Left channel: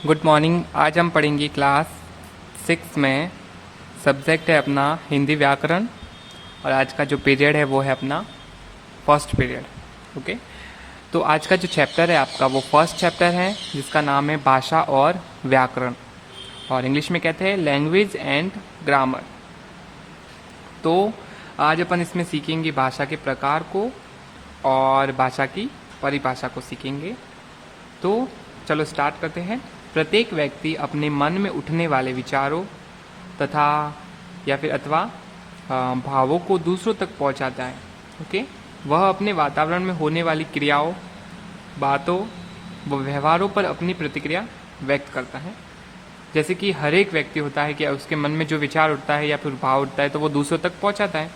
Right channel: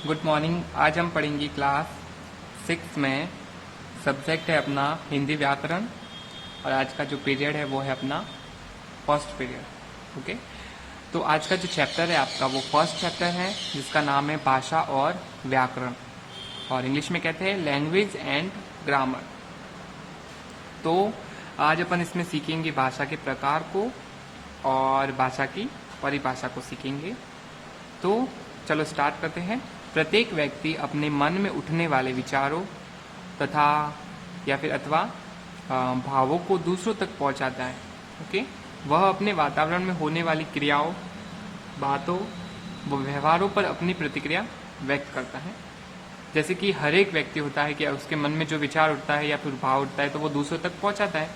Good morning. आज हम पढ़ेंगे क्लास 6 में। सब्जेक्ट है अपना हिंदी व्याकरण और आज का जो पीरियड है वो है अपना फर्स्ट पीरियड। ओके, तो आज का जो चैप्टर है आपका वो फर्स्ट चैप्टर है जिसका नाम है भाषा और व्याकरण, और इंग्लिश में कहते हैं लैंग्वेज एंड ग्रामर। तो आज अपन इसमें सीखेंगे भाषा के प्रकार को और भाषा की परिभाषा को सीखेंगे। तो चलो स्टार्ट करते हैं। प्रत्येक व्यक्ति अपने मन में उठने वाले विचारों तथा या फिर अथवा भावों को दूसरों तक पहुंचाता है। ओके, वह अपने वातावरण में होने वाली क्रियाओं, बातों व व्यवहारों पर अपनी प्रतिक्रिया व्यक्त करता है। जैसे कि हर एक व्यक्ति होता है कि उसके मन में जो विचार उठता है या फिर भाव उठता है तो वो दूसरों तक पहुंचाता है,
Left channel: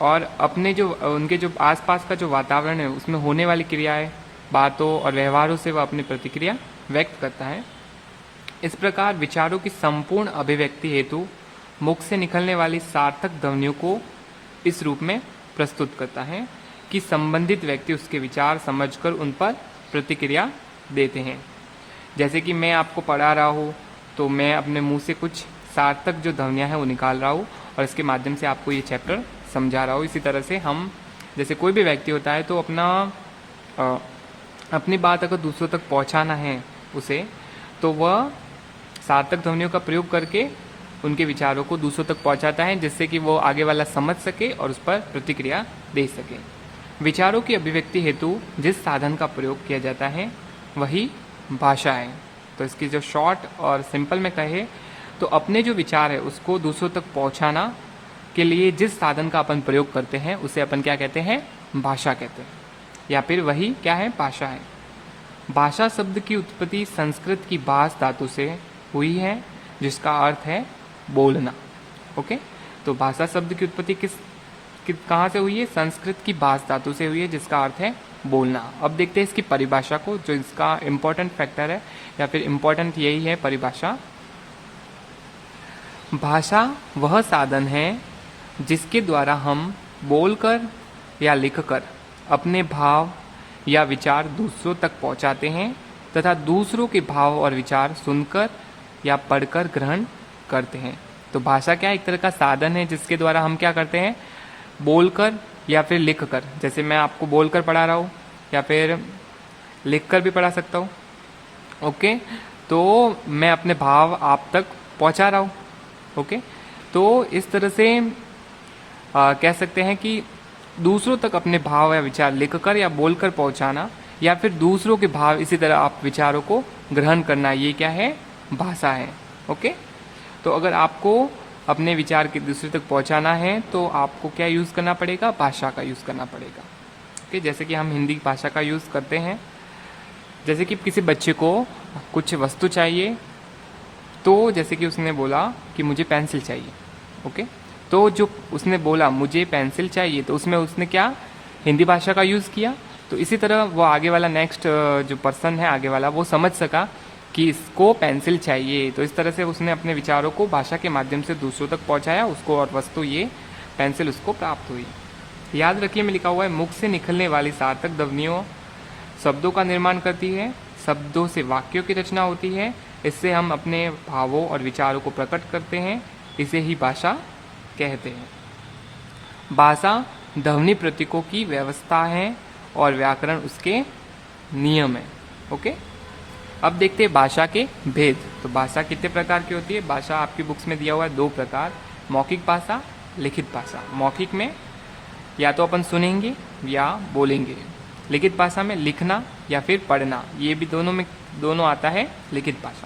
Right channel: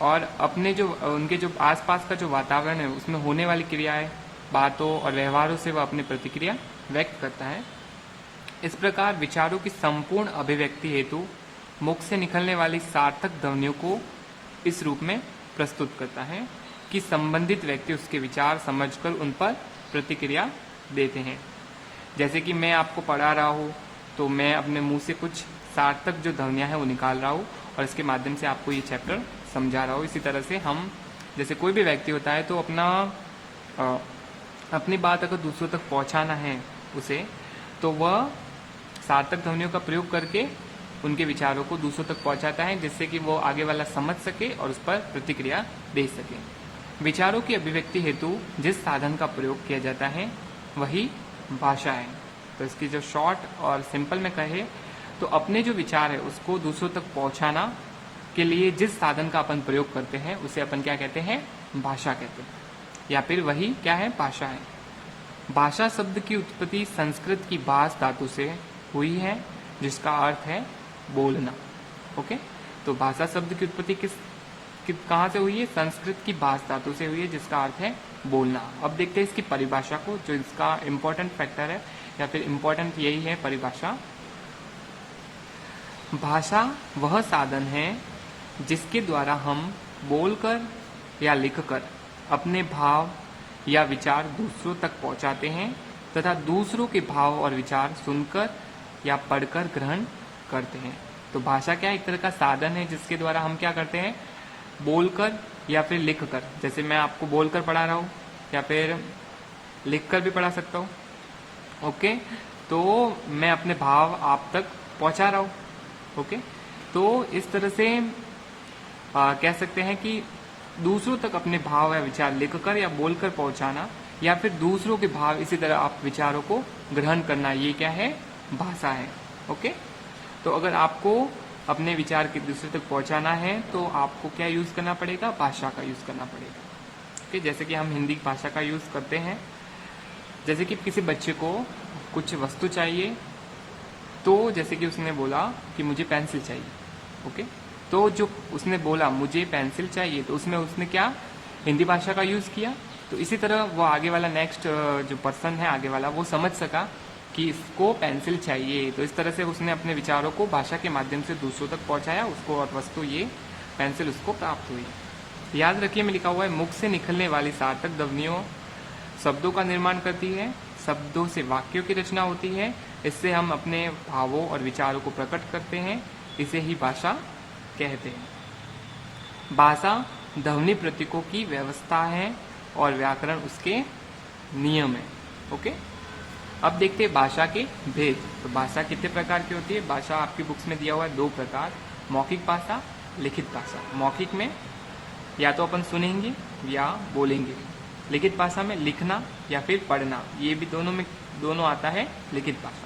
और अपने जो उनके जो आसपास का जो वातावरण है उसमें होने वाली क्रियाएं, बातों और व्यवहारों से वह अपनी प्रतिक्रिया व्यक्त करता है। इस प्रकार विचारों की संपूर्ण अभिव्यक्ति हेतु मुख से निकलने वाली सार्थक ध्वनियों को इस रूप में प्रस्तुत करता है कि संबंधित व्यक्ति उसके विचार समझकर उन पर प्रतिक्रिया देते हैं। जैसे कि मैं आपको पढ़ा रहा हूँ तो मैं अपने मुंह से कुछ सार्थक जो ध्वनियां हैं वो निकाल रहा हूँ और इसके माध्यम से आपको ये चैप्टर समझा रहा हूँ। इसी तरह से हम जैसे कोई भी व्यक्ति होता है तो अपनी बात अगर दूसरों तक पहुंचाना है उसे, तो वह सार्थक ध्वनियों का प्रयोग करके उनके विचारों को दूसरों तक पहुंचाता है, जिससे कि वो आगे वाला समझ सके और उस पर प्रतिक्रिया दे सके। विचारों की अभिव्यक्ति हेतु जिस साधन का प्रयोग किया जाता है वही भाषा है। तो इसकी जो शॉर्ट और सिंपल में कहे तो अपने जो विचार है उसको दूसरों तक पहुंचाना के लिए जिस साधन का अपन प्रयोग करते हैं उसे अपन क्या कहते हैं? भाषा कहते हैं, या फिर वही क्या है? भाषा है। भाषा शब्द की उत्पत्ति संस्कृत की भाष धातु से हुई है जिसका अर्थ है बोलना। ओके, तो भाषा शब्द की उत्पत्ति कहाँ से हुई है? संस्कृत की भाष धातु से हुई है जिसका अर्थ है बोलना। अब देखते हैं इसकी परिभाषा को, जो इसका इम्पोर्टेंट फैक्टर है या फिर इम्पोर्टेंट यही है परिभाषा। भाषा वह साधन है जिसके द्वारा हम बोलकर या लिखकर अपने भाव या विचार दूसरों तक पहुंचाते हैं तथा दूसरों के भाव और विचार सुनकर या पढ़कर ग्रहण करते हैं। तो भाषा क्या है? एक तरह का साधन है जिसके द्वारा हम क्या करते हैं? बोलकर या फिर लिखकर। जैसे मैं आपको बोलकर पढ़ा रहा हूँ या फिर लिखकर भी पढ़ा सकता हूँ। ओके, तो मैं अपने भाव आप तक पहुंचा रहा हूँ। ओके, तो इस तरह से कह सकते हैं कि दूसरों तक अपने भाव या विचार लिखकर या बोलकर पहुंचाना, या फिर दूसरों के भाव इसी तरह आप विचारों को ग्रहण करना, ये क्या है? भाषा है। ओके, तो अगर आपको अपने विचार के दूसरे तक पहुंचाना है तो आपको क्या यूज करना पड़ेगा? भाषा का यूज करना पड़ेगा। ओके, जैसे कि हम हिंदी भाषा का यूज करते हैं। जैसे कि किसी बच्चे को कुछ वस्तु चाहिए, तो जैसे कि उसने बोला कि मुझे पेंसिल चाहिए। ओके, तो जो उसने बोला मुझे पेंसिल चाहिए, तो उसमें उसने क्या? हिंदी भाषा का यूज किया। तो इसी तरह वो आगे वाला नेक्स्ट जो पर्सन है आगे वाला, वो समझ सका कि इसको पेंसिल चाहिए। तो इस तरह से उसने अपने विचारों को भाषा के माध्यम से दूसरों तक पहुंचाया, उसको और वस्तु ये पेंसिल उसको प्राप्त हुई। याद रखिए में लिखा हुआ है मुख से निकलने वाली सार्थक ध्वनियों शब्दों का निर्माण करती है, शब्दों से वाक्यों की रचना होती है, इससे हम अपने भावों और विचारों को प्रकट करते हैं, इसे ही भाषा कहते हैं। भाषा ध्वनि प्रतीकों की व्यवस्था है और व्याकरण उसके नियम है। ओके, अब देखते हैं भाषा के भेद। तो भाषा कितने प्रकार की होती है? भाषा आपकी बुक्स में दिया हुआ है 2 प्रकार, मौखिक भाषा, लिखित भाषा। मौखिक में या तो अपन सुनेंगे या बोलेंगे, लिखित भाषा में लिखना या फिर पढ़ना, ये भी दोनों आता है लिखित भाषा।